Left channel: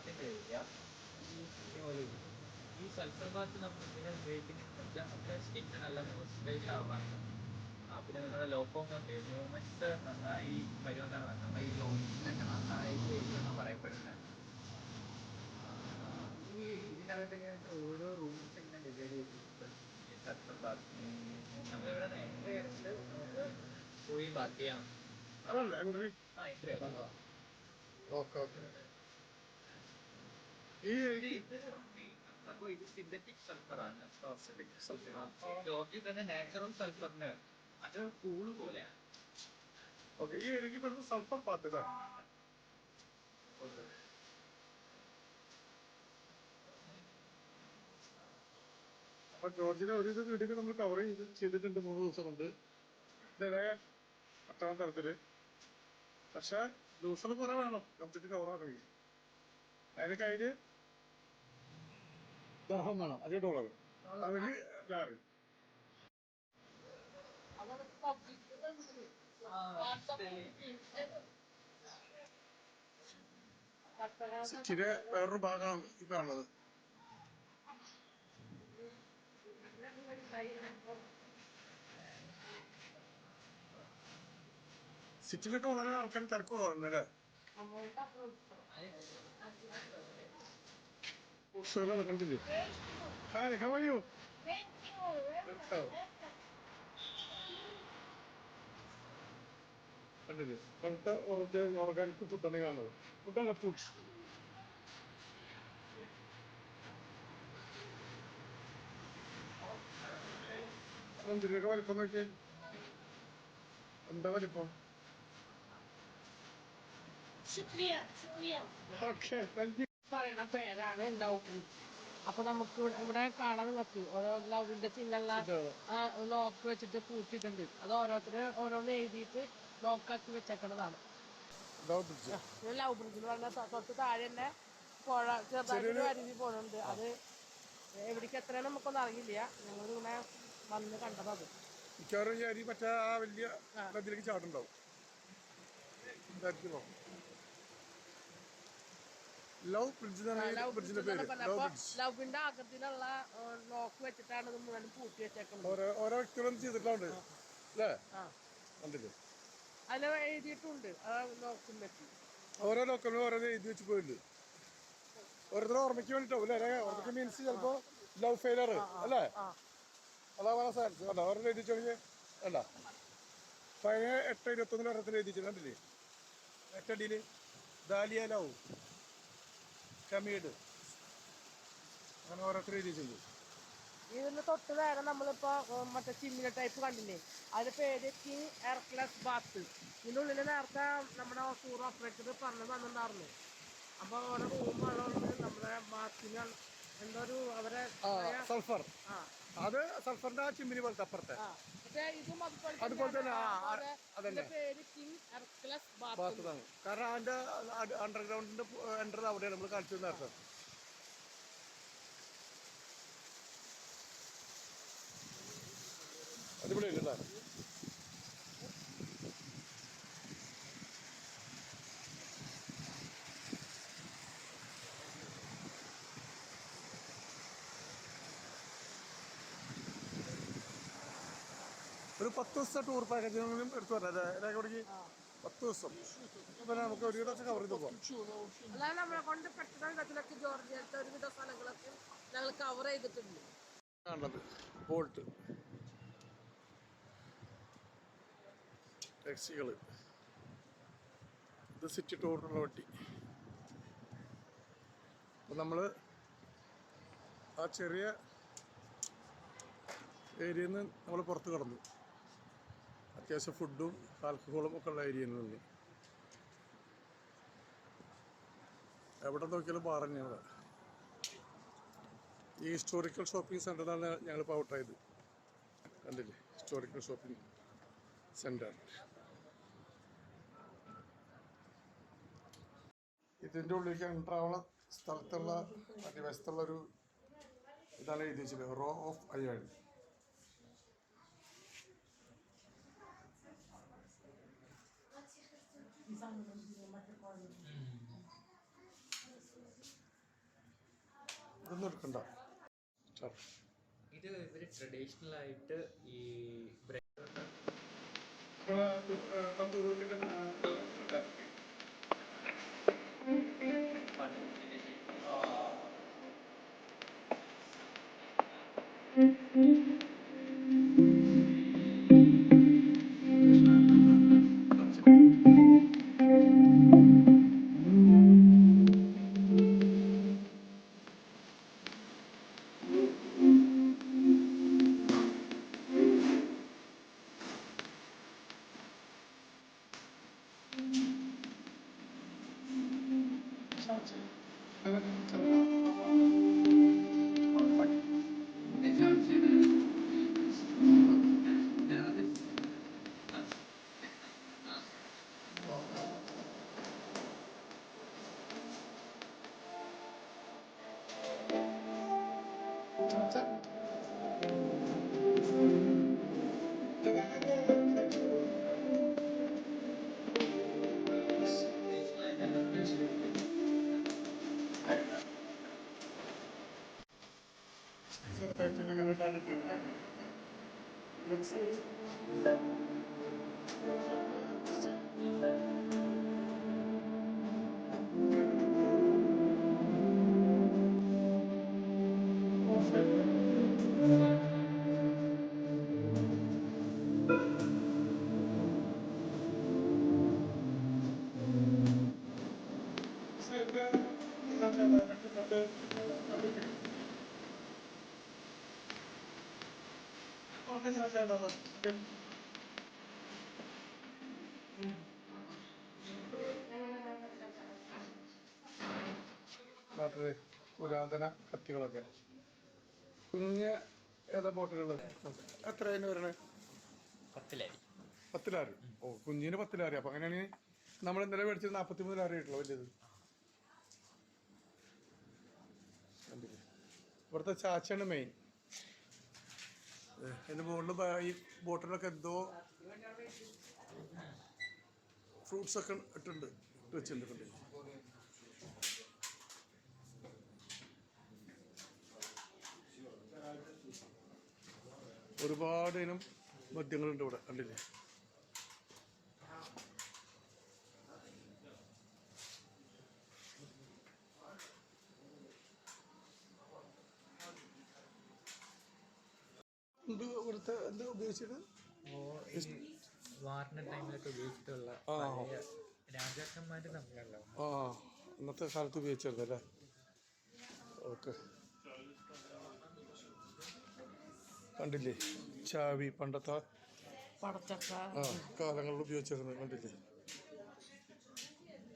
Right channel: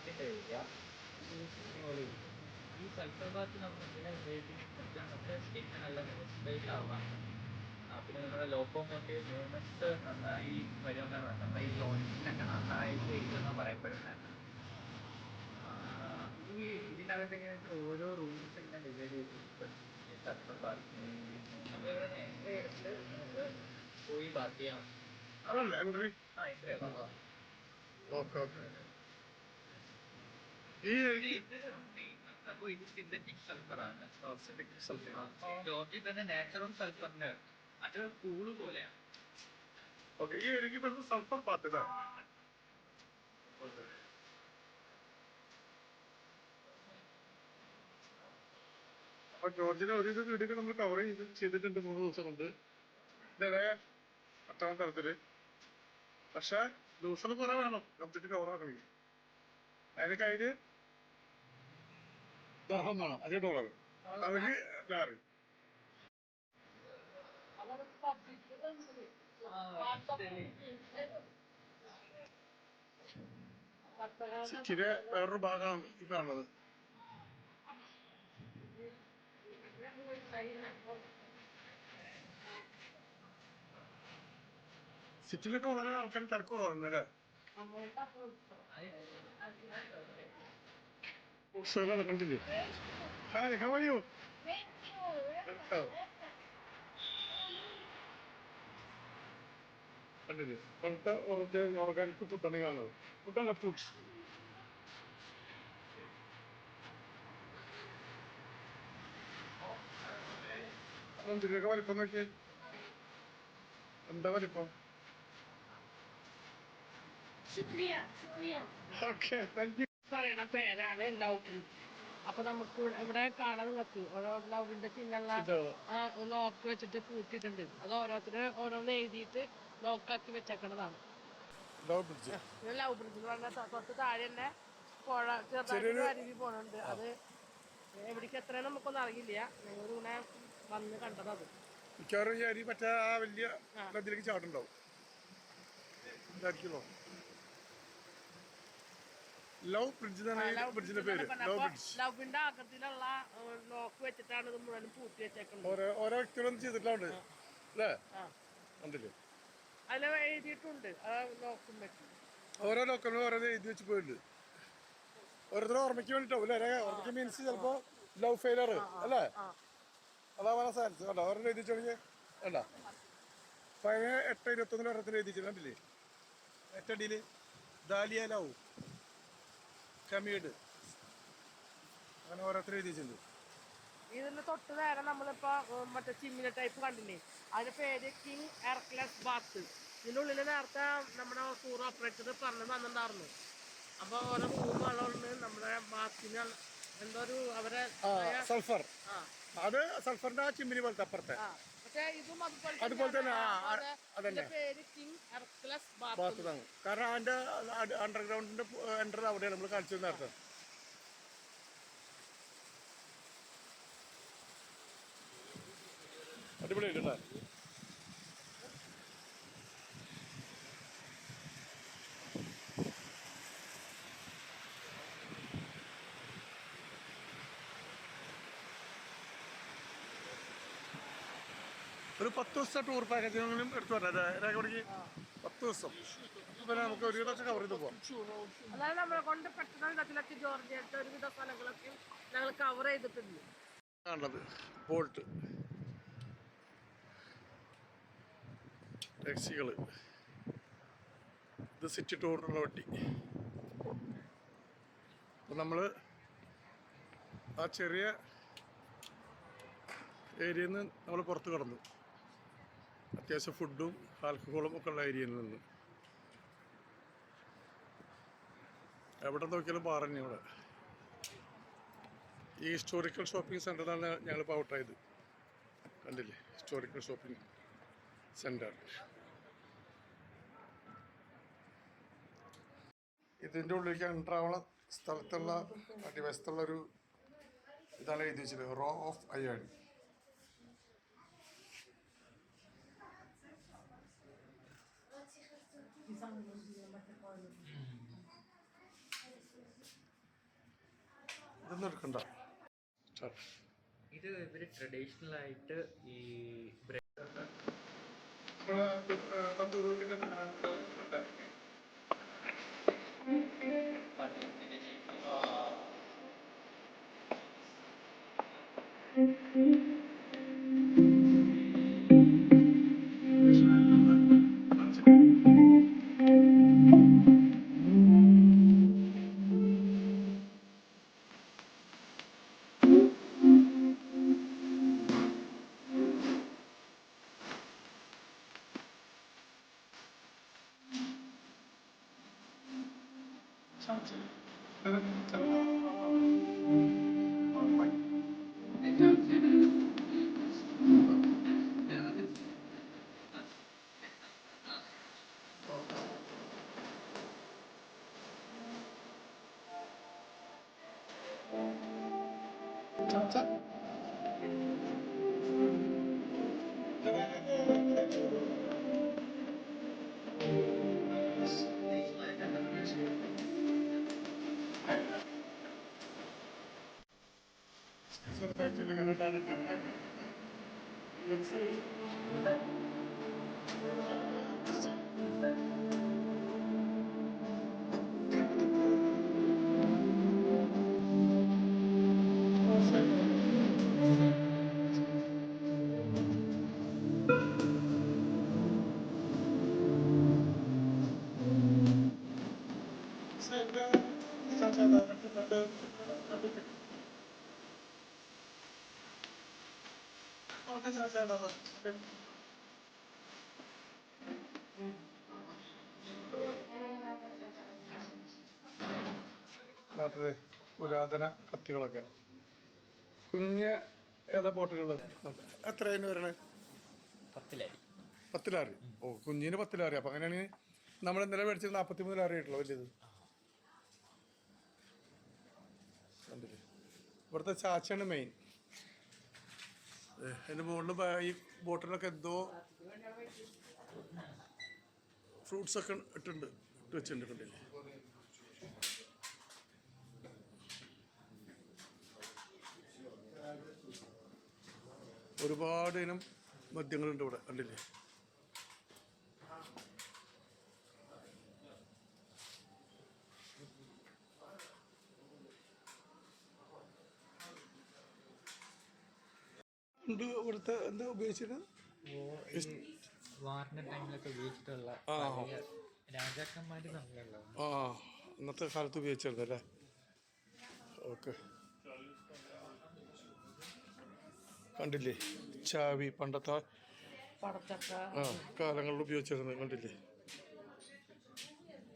ബാത്തിൻ്റെ area. ഈ sulphur Baat നമ്മൾ ഇതിനെ ഉപയോഗിക്കുന്നത് നമ്മുടെ സ്കിൻ നല്ല മോയ്സ്ചറൈസ് ആവാൻ, പിന്നെ നമ്മുടെ ലോക്കോമോട്ടീവ് മൂവ്മെൻറ്റ്സ് നന്നായി വരുമെന്നാണ് നമ്മുടെ ഈ ജോയിൻസിനൊക്കെ നന്നായിട്ട് ചെയ്യുമെന്ന് പറയപ്പെടുന്നത്. ഇതിനകത്ത് ഇങ്ങനെ ഓരോ റൂംസ് ഇങ്ങനെ ഡിവൈഡ് ചെയ്തിട്ടുണ്ട്. ഈ സൾഫർ ബാത്ത് നമ്മളിവിടെ എൻട്രി എടുത്ത് നമുക്ക് പോയി ബാത്ത് ചെയ്യാം. എൻട്രി. Entry okay okay. ഇത് സിന്തറ്റിക് സൾഫറാണ്. ജോർജിൽ തന്നെ നാച്ചുറൽ സൾഫറിന് അത് പൂള് പോലെയാണ്. ഓക്കെ. ഈ എനിക്ക് വരുന്നത് സൾഫർ ബാത്ത് അല്ലേ? അപ്പൊ ജോർജിനെ ഒരു വീഡിയോ നമ്മൾ കവർ ചെയ്തിട്ടുണ്ട് 3 ദിവസം കൊണ്ട്. ഇതേ 8ാം തരത്തില്. പക്ഷെ ദിവസം കുറെ വേണം കംപ്ലീറ്റ് കവർ ആക്കണമെങ്കിൽ. അതിന് കഴിഞ്ഞ് ദാഹം വേണം. $5 അതിന് ലാറി. സിറ്റിയുടെ വേറൊരു ഭാഗമാണ് ഈ കാണുന്നത്. സിറ്റിയിലൊക്കെ വളരെ ആൾക്കാർ തിരക്ക് കുറവുണ്ടല്ലേ? കണ്ടില്ലേ? Hi, how are you? കണ്ടില്ലേ? പണ്ടത്തെ ഓർഗാനിക് ഫുഡാണ് കാണുന്നത്. ഫുഡല്ല ഫ്രൂട്ട്സ്. അതെന്തിനൊക്കെ വലിപ്പം നോക്കിയേ. എന്താ വലിപ്പം? Okay, thank you. പറയണ പേരാണ് ലവ്. അപ്പൊ നമുക്ക് ഇവിടെ കാണാൻ നോക്കി ഓരോ ലവിന്റെ ചിഹ്നമുള്ള ലോക്ക് വെച്ചിട്ട് പൂട്ടിയിട്ടുണ്ട്. അത് ഓരോരുത്തര് ഓരോന്ന് എഴുതിയിട്ട് ലോക്കാക്കി വെച്ചേക്കണതാണ്. ലവ് ബ്രിഡ്ജ് എന്ന് പറഞ്ഞാൽ തൊട്ട് താഴെ തന്നെ പുഴ ചെറുതായിട്ട് അരുവി പോണുണ്ട്. അത് എവിടേക്ക് എത്രയും നമുക്കൊന്നും അറിയില്ല. ഞങ്ങളിങ്ങനെ വന്ന് കണ്ടത്. അത് മിക്കവാറും ഈ അരി മറ്റേ ആ വലിയ നദിയിലേക്ക് ചാടുണ്ടാവും. ലവ് ബ്രിഡ്ജ് എന്നാണ് ഈ ബ്രിഡ്ജിന്റെ പേര്. Love bridge. ലവിന്റെ ആകൃതിയിലുള്ള ലോക്ക് വെച്ചിട്ടാണ് ഇത് മുഴുവൻ പൂട്ടി വെച്ചേക്കുന്നത്. ഓരോ വ്യക്തികളും ചെയ്തിട്ടുണ്ട് അല്ലേ? കണ്ടില്ലേ? അതിൽ എഴുതിയിട്ടുണ്ട് ലോക്കും വെച്ച്. ഓരോ ലോക്കലും ഓരോ എഴുതി വെച്ച് പോയിട്ടുണ്ട്. ഓരോരുത്തരും ഓർമ്മയ്ക്ക് വേണ്ടിട്ടാവും അല്ലേ? ഓർമ്മയ്ക്ക് മീൻസ് ചിലപ്പോ ലവ് ഫെയിലർ അല്ലേ? അതാവാൻ സാധിച്ചു കേട്ടോ. ഓരോ എഴുതിച്ചു തുടങ്ങി വേണ്ട. 8:21 ഓരോരുത്തർ എഴുതിച്ചു കണ്ടില്ലേ? 8 ദാലിയ ലവ് കമീഡ് അങ്ങനെ ഓരോരുത്തർ എഴുതിയിട്ടുണ്ട്. ഇതിന് തൊട്ട് നേരം നമ്മളിപ്പോ മറ്റേ ചിമ്മിന ടൈപ്പ് കണ്ടില്ലേ? അതിന്റെ പേര് കിങ് ഹെർക്കുലസ് ബാത്ത്. ഇതിനുള്ളിൽ നേരത്തെ നമ്മുടെ ടൂർ ഓപ്പറേറ്റർ പറഞ്ഞു വന്നിട്ടുണ്ടായിരുന്നു. അപ്പൊ ഓരോ റൂമുകളുണ്ട് നമ്മുടെ ബാത്തിന്. എന്തോ ഒരു അവരെ സൾഫർ. അത് സൾഫറിന്റെ ആ ചിമ്മിനി പോലത്തെ അപ്പുറത്തെ. പക്ഷേ ഇതും അതുപോലെ തന്നെ പേര് കിങ് ഹെർക്കുലസ് ബാത്ത്. കാരണം അതിന്റെ അണ്ടർഗ്രൗണ്ടിന്റെ എൻട്രി അവിടെയാണ് നമ്മൾ കളിച്ചു നേരത്തെ. അടിപൊളിയായിട്ട് കേട്ടോ. ഒരു 10 ദിവസത്തെ ടൂർ പാക്കേജിനും എടുത്തു പറഞ്ഞത് രേഖപ്പെടുക്കി 10 ദിവസം. അപ്പൊ പിന്നെ നമുക്ക് ഒരു വിധമൊക്കെ കവർ ചെയ്ത് പോവാം. അതായത് നമ്മളെ കൊണ്ട് പെട്ടെന്ന് ജോർജിയത്തെ ഒരുവിധ സ്ഥലങ്ങളൊക്കെ ഞങ്ങൾ കവർ ചെയ്തിട്ടുണ്ട്. ആണത് ബോൾട്ട് ടാക്സികള്. ഇത് സിറ്റി ടൂറിനുള്ള വണ്ടി. അപ്പം നമ്മൾ ആ ചെറിയ ഏരിയയിൽ നിന്ന് നമ്മൾ പുറത്ത് കടന്നു. അത്യാവശ്യം ഫുഡും ആൽക്കഹോളും ഒക്കെ ഉള്ള ഏരിയയിൽ നിന്ന് എവിടെ നോക്കിയാലും പറഞ്ഞു. ഇവിടെ ഈ ഹിസ്റ്റോറിക്കൽ ഷോപ്പിംഗ് സെൻ്ററിലാണ് ഞങ്ങളിപ്പോൾ ഔട്ടായത്. കണ്ടില്ലേ? Historical shopping centre. ഇതിൻ്റെ ഉള്ളിലേക്ക് എൻ്റർ ആവുന്ന സ്ഥലത്തുള്ള അടിവശത്തുള്ളൊരു ഇതാണ് എഴുതി വെച്ചത്, റോ ഓഫ് അയേൺ. ഇതൊന്നും എടുക്കണ്ട. ഇത് ഇവര് ട്രഡീഷണൽ ആയിട്ട് ഈ നാട്ടിലെ പുരാതന കത്തികളൊക്കെ. കുഞ്ഞ് ഏതാ ബോട്ടുകൾ? എത്ര അതിന് വരണേ? 10 ലാരി. 10 ലാരി. ഓ, കുഞ്ഞിന് 10 ലാരി. അപ്പം അങ്ങനെയാണെങ്കിൽ നമ്മൾ ഇന്നലെ മേടിച്ചത് 43 ലാരി ആയിട്ടുള്ളൂ വലിയത്. കണ്ടില്ലേ, ഇവിടുത്തെ ചാച്ചയാണ് മെയിൻ. അതിൻ്റെ മുകളിൽ ഈ ബോട്ടിലൊക്കെ എന്തോ ഫ്രൂട്ട്സൊക്കെ ഇട്ട് വെച്ചിട്ടുണ്ട്. കണ്ടില്ലേ, ഒരുപാട് ഇനം മദ്യങ്ങളുണ്ട് ഇവിടെ. കണ്ടില്ലേ, ഇവിടുത്തെ എന്താ ഉപയോഗിച്ചത്? വാറിന്റെ ടൈമിലൊക്കെ ഉപയോഗിച്ചിട്ടുള്ള രാജാക്കന്മാര് തമ്മിലുള്ള ഇന്നത്തെ കാലത്ത് ഉപയോഗിച്ചിരുന്നല്ലേ. ഓക്കെ, കണ്ടില്ലേ ചാവി പണ്ടത്തെ കാലങ്ങളിൽ ഉപയോഗിച്ചിരുന്നത്. കണ്ടില്ലേ,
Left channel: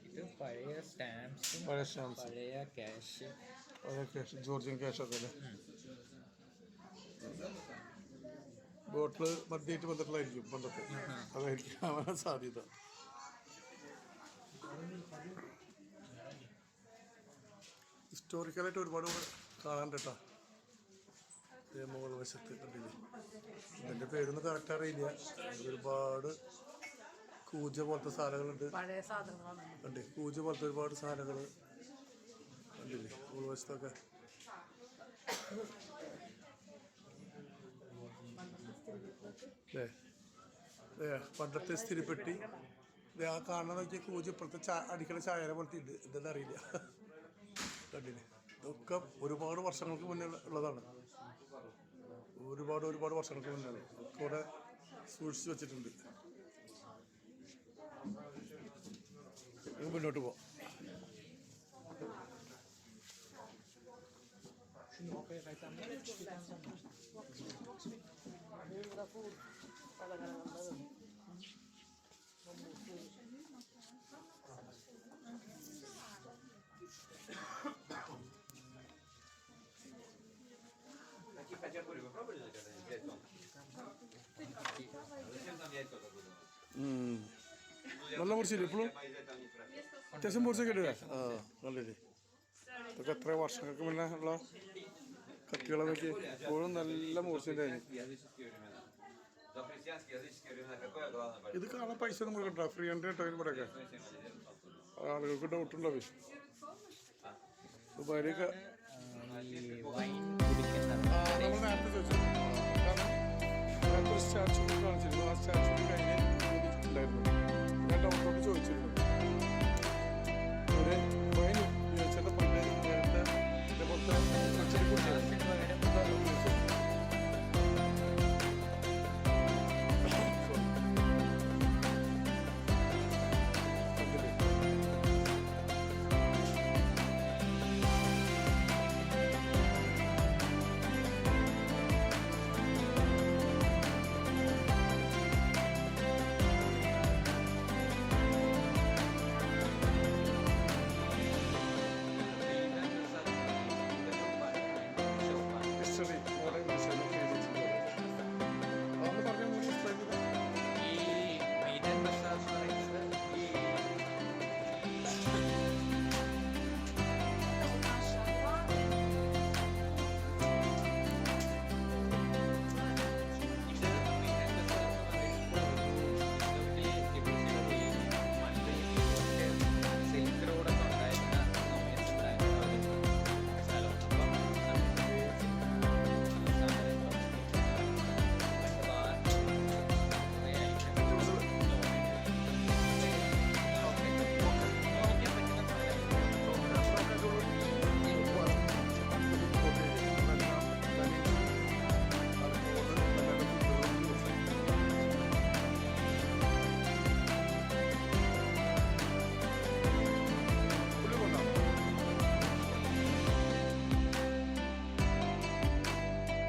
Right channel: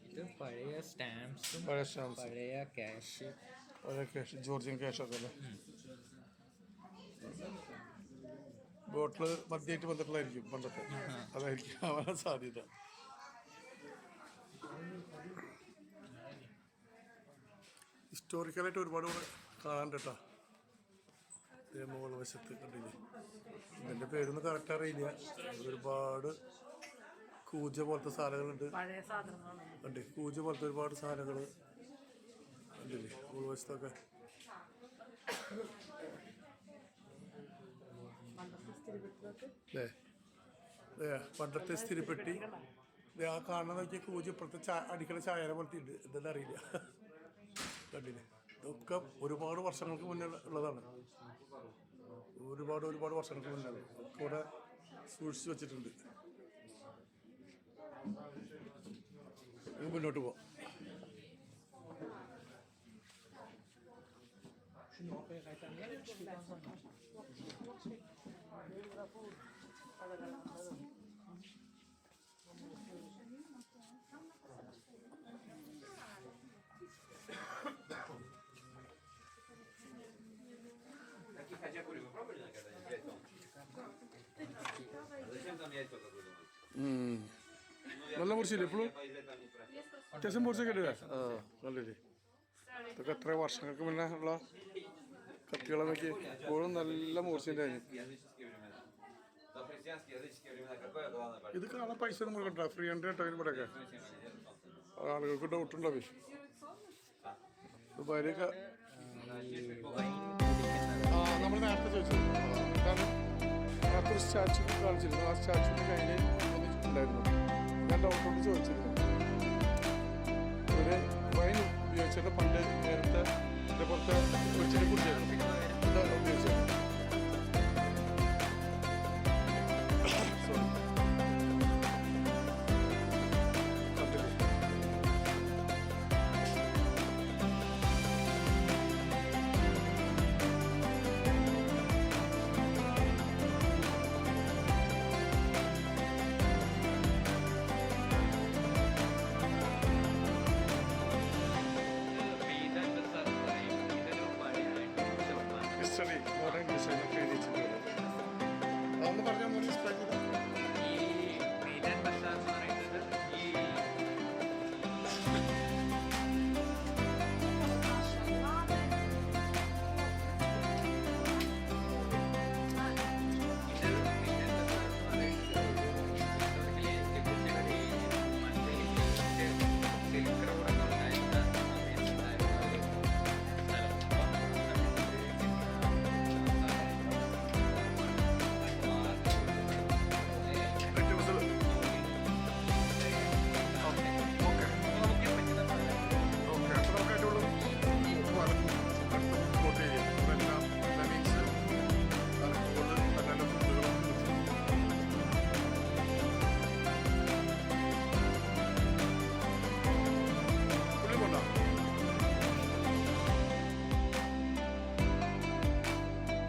ഇത് പഴയ സ്റ്റാമ്പ്സും പഴയ ക്യാഷ് ജോർജിയൻ ക്യാഷൊക്കെ അല്ലേ. ബോട്ടിൽ മദ്യമായിട്ട് ബന്ധപ്പെട്ടായിരിക്കും പണ്ടത്തെ, അതായിരിക്കും ആവാൻ സാധ്യത. ഹിസ്റ്റോറിക്കലായിട്ട് ഒരുപാട് കാണാണ്ട് കേട്ടോ. മുകൾ വശത്ത് കണ്ടില്ലേ, ഇതിൻ്റെ പേരൊന്നും കറക്റ്റ് അറിയില്ല. ഒരുപാട് കൂജ പോലത്തെ സാധനങ്ങളുണ്ട്. കണ്ടേ, കൂജ പോലത്തെ ഒരുപാട് സാധനങ്ങൾ കണ്ടില്ലേ മുകൾ വശത്തൊക്കെ. പണ്ടത്തെ സ്ഥിരപ്പെട്ടി ആ കാണാൻ നോക്കിയ കൂജ് ഇപ്പോഴത്തെ അടിക്കണ ചായനെ പോലത്തെ ഉണ്ട്. എന്താണെന്ന് അറിയില്ല. കണ്ടില്ലേ, ഇതൊക്കെ ഒരുപാട് വർഷങ്ങൾക്ക് മുന്നേ ഉള്ളതാണ്. ഒരുപാട് വർഷങ്ങൾക്ക് മുന്നേ ഒക്കെ ഇവിടെ സൂക്ഷിച്ച് വെച്ചിട്ടുണ്ട്. മുന്നോട്ട് പോവാം. നല്ല മുറിച്ചില്ലേ ഇപ്പോഴും? അത്യാവശ്യം മുറിച്ചൊക്കെ ഇടുക. നല്ലല്ലേ, ഇതൊക്കെ എത്ര വർഷങ്ങൾക്ക് മുന്നേ ഉള്ള കത്തികളെ നോക്കി. ഇപ്പോഴും നല്ല മൂർച്ചയുണ്ട് അതിന്. ഇത് കാണാൻ പൈസ ഒന്നും കൊടുക്കണ്ട, ഫ്രീ ഉണ്ട് കേട്ടോ. ഇവിടെയൊക്കെ ആളുകൾക്ക് ഡൗട്ടുണ്ടാവേ. ദുബായിലേക്ക് ഈ വൈൻ കുടിക്കുന്ന നമ്മൾ നേരത്തെ ചോദിച്ചു അതാണ് നേരത്തെ ഒരു സ്റ്റാച്ചു കാണിച്ചിരുന്നു. ആ സ്റ്റാച്ചുവിൻ്റെ കയ്യിൽ ഉണ്ടായിരുന്നു. ഞാൻ ഡൗട്ടോട് ചോദിച്ചിരുന്നു ഒരു വൈൻ ഉപയോഗിച്ചിട്ട് പണ്ട് നേരത്തെ ഇതേപോലത്തെ വെച്ചിട്ട് കുടിച്ചായിരുന്നു എന്താ ഉപയോഗിച്ചത്. സോറി കണ്ടില്ലേ ഹിസ്റ്ററി മോഡേൺ ഇംഗ്ലീഷ് എന്നൊക്കെ എഴുതിയിട്ടുണ്ട്. അതൊന്ന് പറഞ്ഞാൽ മോഡൽ എക്സ്പ്ലെയിൻ ചെയ്താൽ ഈ മെയിൻ ബസാർ എന്ന് പറയുന്നത് ഈ ഇത് മെയിൻ ബസാർ എന്ന് പറയുന്നത് സിൽക്ക് റോഡ് ഉണ്ടായിരുന്ന സമയത്തുണ്ടായിരുന്ന ഒരു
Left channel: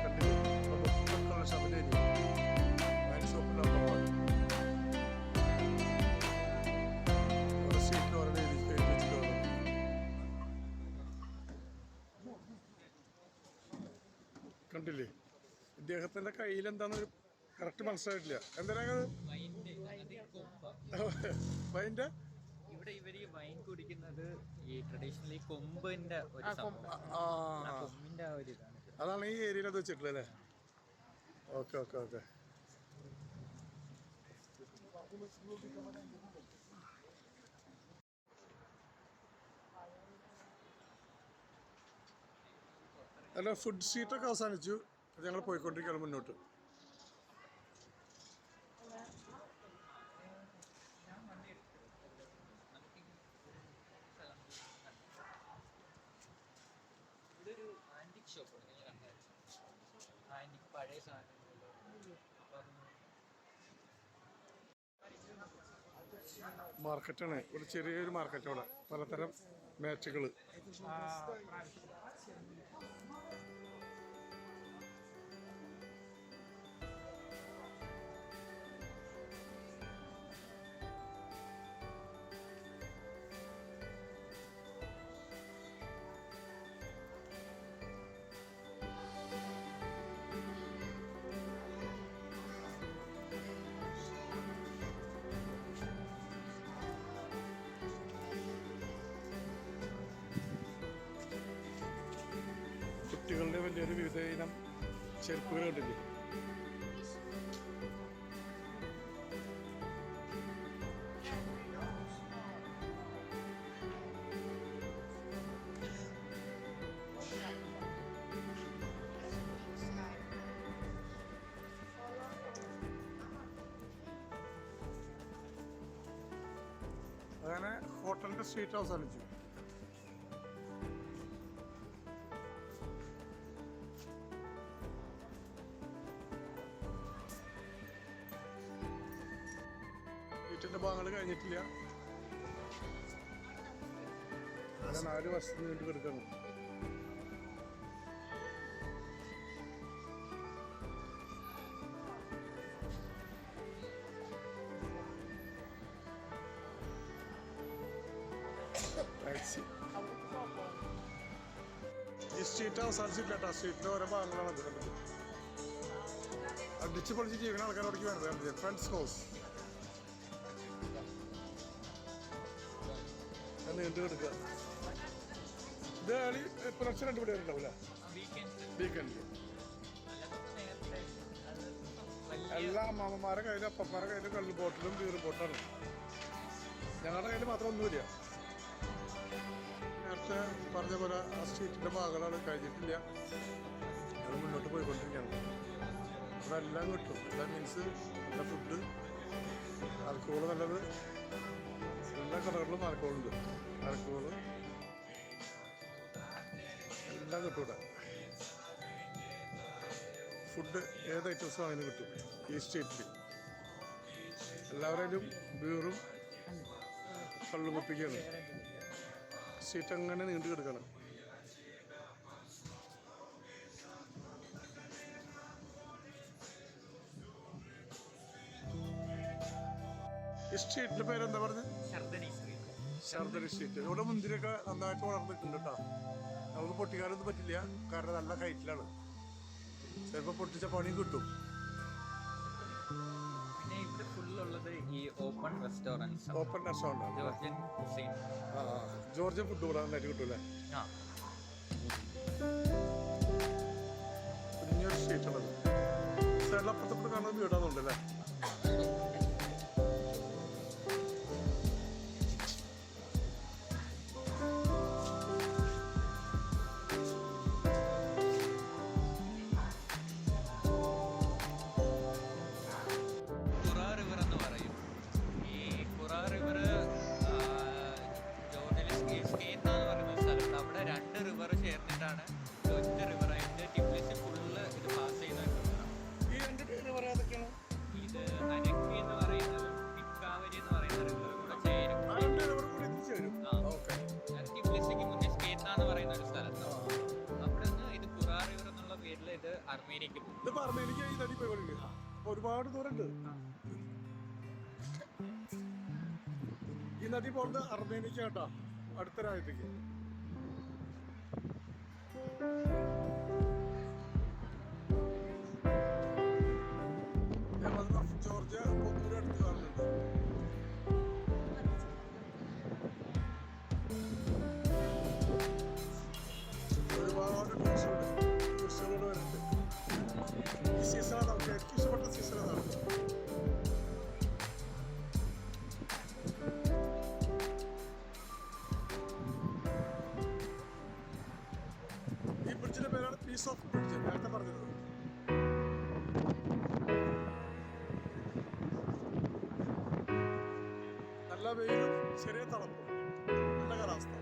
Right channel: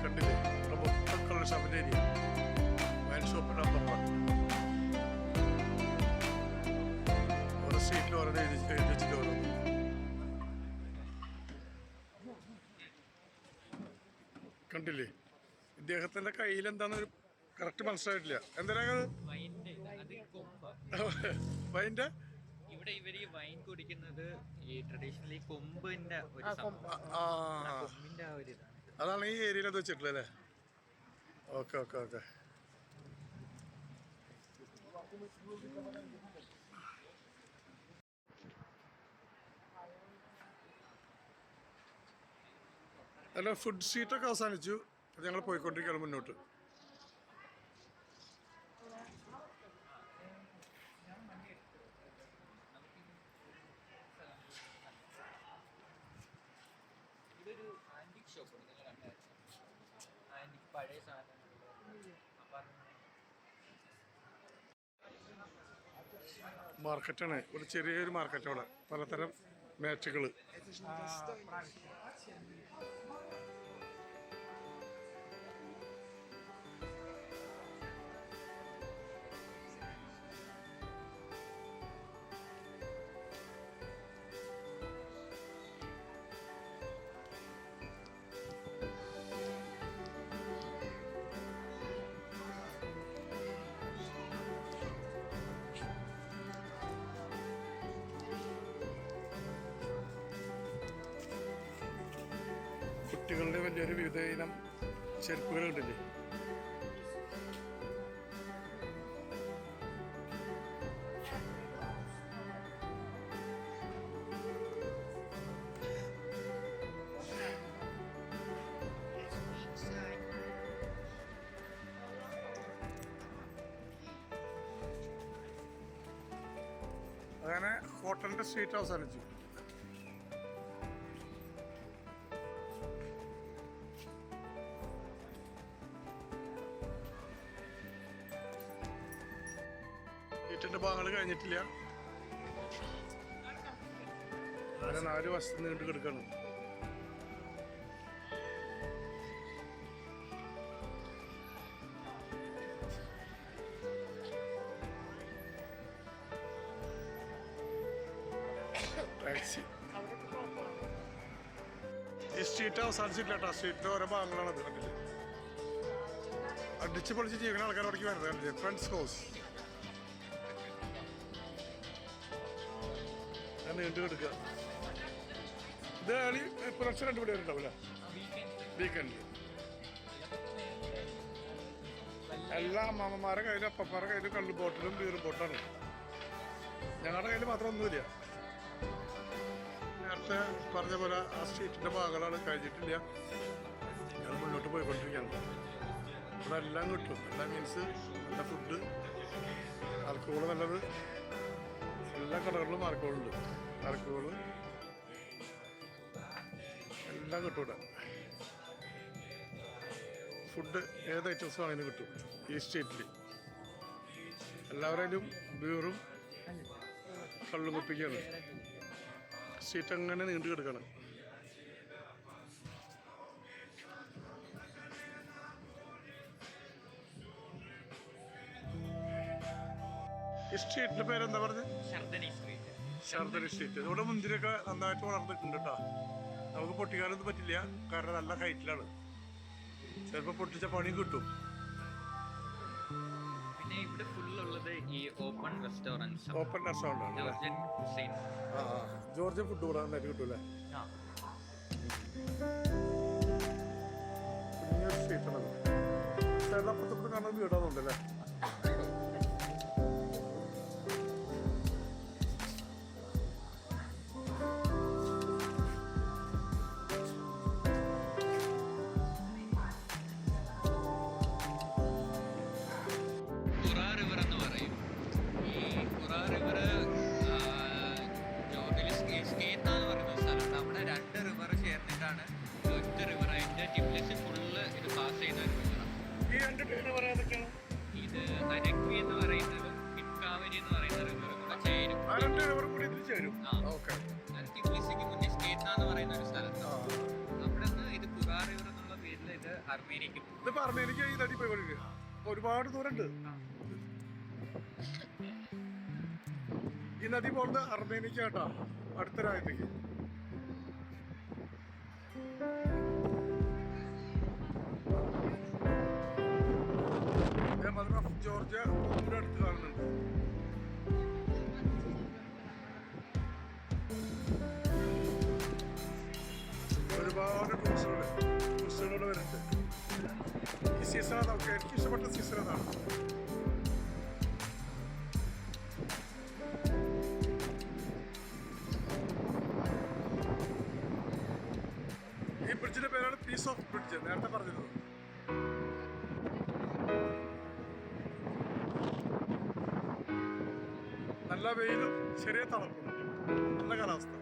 കണ്ടില്ലേ ഇവിടെ മൊത്തം ഷോപ്പിൻ്റെ ഏരിയ വൈൻ ഷോപ്പ് നമ്പർ 1. ഓരോ സ്ട്രീറ്റിൽ ഓരോ എഴുതി വെച്ചിട്ട് ഓരോന്ന് കണ്ടില്ലേ. ഇദ്ദേഹത്തിൻ്റെ കയ്യിൽ എന്താണെന്ന് കറക്റ്റ് മനസ്സിലായിട്ടില്ല. എന്തിനാണ് വൈൻ്റെ ഇവിടെ ഇവര് ഈ വൈൻ കുടിക്കുന്നത് ഈ ട്രഡീഷണലി കൊമ്പിന്റെ ഒരു സംഭവം. കൊമ്പിന്റെ ആ ഒരു ഇതാണ്. അതാണ് ഈ ഏരിയയിൽ അത് വെച്ചിട്ടുള്ളത് അല്ലേ. Okay okay okay. അല്ല ഫുഡ് സ്ട്രീറ്റൊക്കെ അവസാനിച്ചു. അത് ഞങ്ങൾ പോയിക്കൊണ്ടിരിക്കുകയാണ് മുന്നോട്ട്. ഇതൊരു ആന്റിക് ഷോപ്പ് ആന്റിക് പഴയ സാധനങ്ങൾ. മാർക്കറ്റാണ് ഇവിടെ, ചെറിയൊരു മാർക്കറ്റ് അവിടെ പലതരം മാറ്റുകൾ. കുട്ടികളുടെ വലിയൊരു വിവിധ ഇനം ചെരുപ്പുകൾ കണ്ടില്ലേ. അങ്ങനെ ഹോട്ടലിൻ്റെ സ്ട്രീറ്റ് അവസാനിച്ചു. ഈറ്റിൻ്റെ ഭാഗങ്ങൾ കഴിഞ്ഞിട്ടില്ല. അങ്ങനെ 4 വശത്ത് നീണ്ടു കിടക്കണം. ടാക്സി ഈ സ്ട്രീറ്റ് അവസാനിച്ചിട്ടില്ല കേട്ടോ. സ്ട്രീറ്റിൻ്റെ ഓരോ ഭാഗങ്ങളാണത്. കണ്ടിട്ട് അടിച്ച് പൊളിച്ച് ജീവിക്കുന്ന ആൾക്കാരോടേക്ക് വരുന്നത് കണ്ടില്ലേ. ഫ്രണ്ട്സ് ഹൗസ് നീണ്ടു കിടക്കുക. ഇത് കളി പുലർച്ചെ 2 മണി വരെ ഉണ്ടാവില്ല വീക്കെൻഡിൽ. എല്ലാ അമ്മമാരുടെ കയ്യിലും അപ്പന്മാരുടെ കയ്യിലും കള്ള് ബോട്ടിലും ബീർ ബോട്ടാണ്. ഞങ്ങളുടെ കയ്യിൽ മാത്രം ഒന്നുമില്ല. നേരത്തെ പറഞ്ഞ പോലെ ആ സ്ട്രീറ്റിൻ്റെ ഭാഗങ്ങളാണ് കഴിഞ്ഞിട്ടില്ല. ഞങ്ങൾ മുന്നോട്ട് പോയിക്കൊണ്ടിരിക്കുകയാണ്. ഇവിടെ എല്ലാം കിട്ടും. എല്ലാം മീൻസ് നല്ല ഫുഡ്, ആൽക്കഹോൾ നല്ലത്, എല്ലാ കടകളിലും ആൽക്കഹോളുണ്ട്. ആൽക്കഹോള് എല്ലാം കിട്ടും ഇവിടെ. ഫുഡ് ഏത് ഐറ്റംസും അങ്ങനെ കിട്ടും ഈ സ്ട്രീറ്റിൽ. എല്ലാവരും ബീറും കള്ളും കുപ്പിക്കാണ്. സ്ട്രീറ്റ് അങ്ങനെ നീണ്ടു കിടക്കണം. ഈ സ്ട്രീറ്റിന്റെ പേരെന്താ പറഞ്ഞത്? ഷർദനി സ്ട്രീറ്റ്. ഇവിടെ മുന്തിരിയൊക്കെ നന്നായിട്ട് വളർന്നിട്ടുണ്ട് കേട്ടോ. നമുക്ക് പൊട്ടിക്കാനൊന്നും പറ്റില്ല, കാരണം നല്ല ഹൈറ്റിലാണ്. ചിലപ്പോൾ പൊട്ടിച്ച പണിയും കിട്ടും. പിന്നെ ഇവിടെ ഫുള്ളുള്ളത് ഈ ഓപ്പൺ റെസ്റ്റോറൻറ്റ്സ്. ഓപ്പൺ റെസ്റ്റോറൻ്റ് ആണ് അല്ലേ? Georgian cuisine. ജോർജിയൻ ഫുഡ് ഇവിടെ നന്നായിട്ട് കിട്ടൂല്ലേ? കുഞ്ഞൊരു സ്ട്രീറ്റാണത്. സൈഡിൽ അപ്പുറത്തപ്പുറത്ത് കാണുന്ന വീടാന്നുണ്ടല്ലേ? ഈ രണ്ട് റിവർ ഏതൊക്കെയാണ്? ഇത് നനക്വി എന്ന് പറയുന്നതും ഇക്കാവരി എന്ന് പറയുന്ന റിവറും കൂടെ ചേരും. ആ രണ്ട് റിവർ കൂടി ഇതിൽ ചേരും. ഓക്കെ. ടിബ്ലിസിക്ക് മുന്നേ സ്കേത്ത എന്ന് പറയുന്ന ഒരു സ്ഥലത്ത്. അവിടെ നിന്ന് ഇത് കുറാ റിവർ എന്നുള്ള പേരിൽ ഇത് അർമേനിയക്ക് പോകും. ഇതിപ്പോ അർമേനിയക്ക് ഈ നദി പോയി ഒരുപാട് ദൂരമുണ്ട്. ഈ നദി പോകുന്നത് അർമേനിയക്കാട്ടാ, അടുത്ത രാജ്യത്തേക്ക്. മദർ ഓഫ് ജോർജിയ കൂടെ അടുത്ത് കാണുന്നുണ്ട്. ഒരുപാട് ടൂറിസ്റ്റുകളോട് വരുന്നുണ്ട്. ഈ സീസൺ അതൊക്കെ എനിക്ക് ഇഷ്ടപ്പെട്ട സീസൺ അതാണ്. ഈ ബ്രിഡ്ജിന്റെ പേരാണ് പീസ് ഓഫ് ബ്രിഡ്ജ്, നേരത്തെ പറഞ്ഞിരുന്നത്. നല്ല വെയിലും ചെറിയ തണുപ്പും, നല്ല കാലാവസ്ഥ.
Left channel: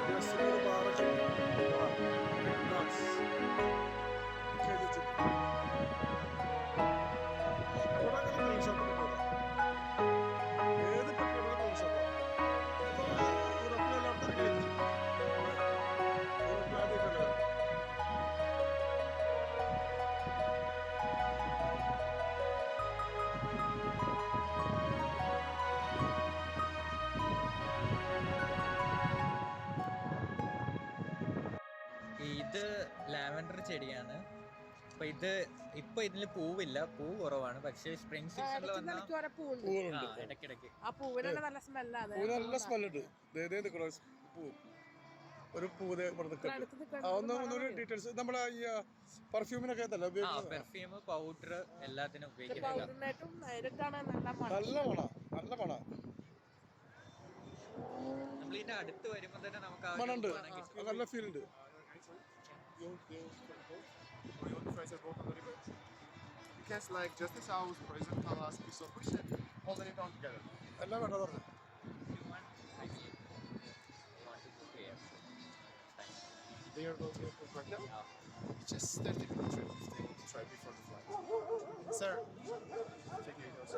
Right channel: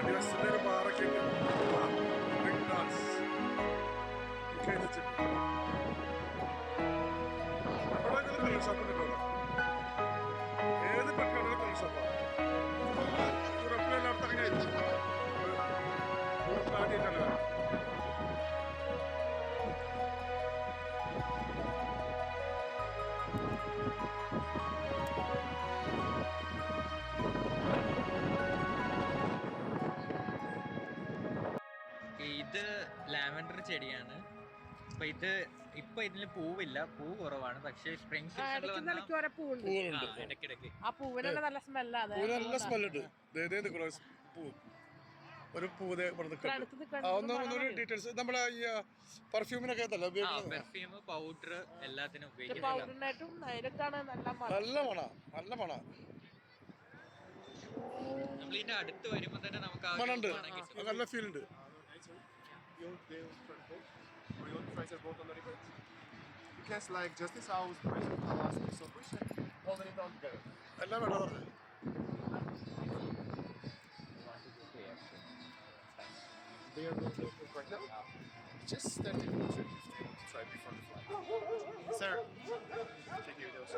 അടിവശത്തിന്റെ ഒരു ബാറൊക്കെ ഉണ്ട്. ഡ്രിങ്ക് ഡാൻസ് ഇവിടെ തൊഴിൽ ഷോപ്പ് ഉണ്ട്. ഏത് പെട്രോളിനും തൊഴിൽ ഷോപ്പാണ്. ഇപ്പം യൂറോപ്പിൽ എല്ലായിടത്തും ഇറങ്ങി വെച്ചു. യൂറോപ്പിൽ ആദ്യമായിട്ടാണ് വരാം. ഇത് ലാവൻഡർ ചെടിയാണ്. അപ്പൊ ഇപ്പൊ ഇതില് പൂവില്ല, പൂ കുറവാണ്. പക്ഷേ സ്പ്രിംഗ് സീസണിൽ പൂവുണ്ട്. ഇടയ്ക്കിടയ്ക്ക് ആ പൂവിന് നല്ല സ്മെല്ലാണ്. പൂവിന് നല്ല സ്മെല്ലുണ്ട്. പൂ ഒരു പൂവ് ഇവിടെ നിൽക്കുന്നുണ്ട്. ഒന്നുകൂടി ഡീറ്റെയിൽസ് നമ്മളെ ഈ പെർഫ്യൂമിനൊക്കെ പെർഫ്യൂം, പൗഡർ എല്ലാത്തിനും ഉപയോഗിക്കുന്നത്. നല്ല മണ, നല്ല മണ. നമ്മളിതിന്റെ അടുത്ത് വരുമ്പോ തന്നെ നമുക്ക് മണുണ്ട്, നല്ല ഫീൽ ഉണ്ട്. എല്ലാം വേണ്ട പറഞ്ഞു. They are not open right now. Just 30 minutes to try before the flight. Sir, take your dose.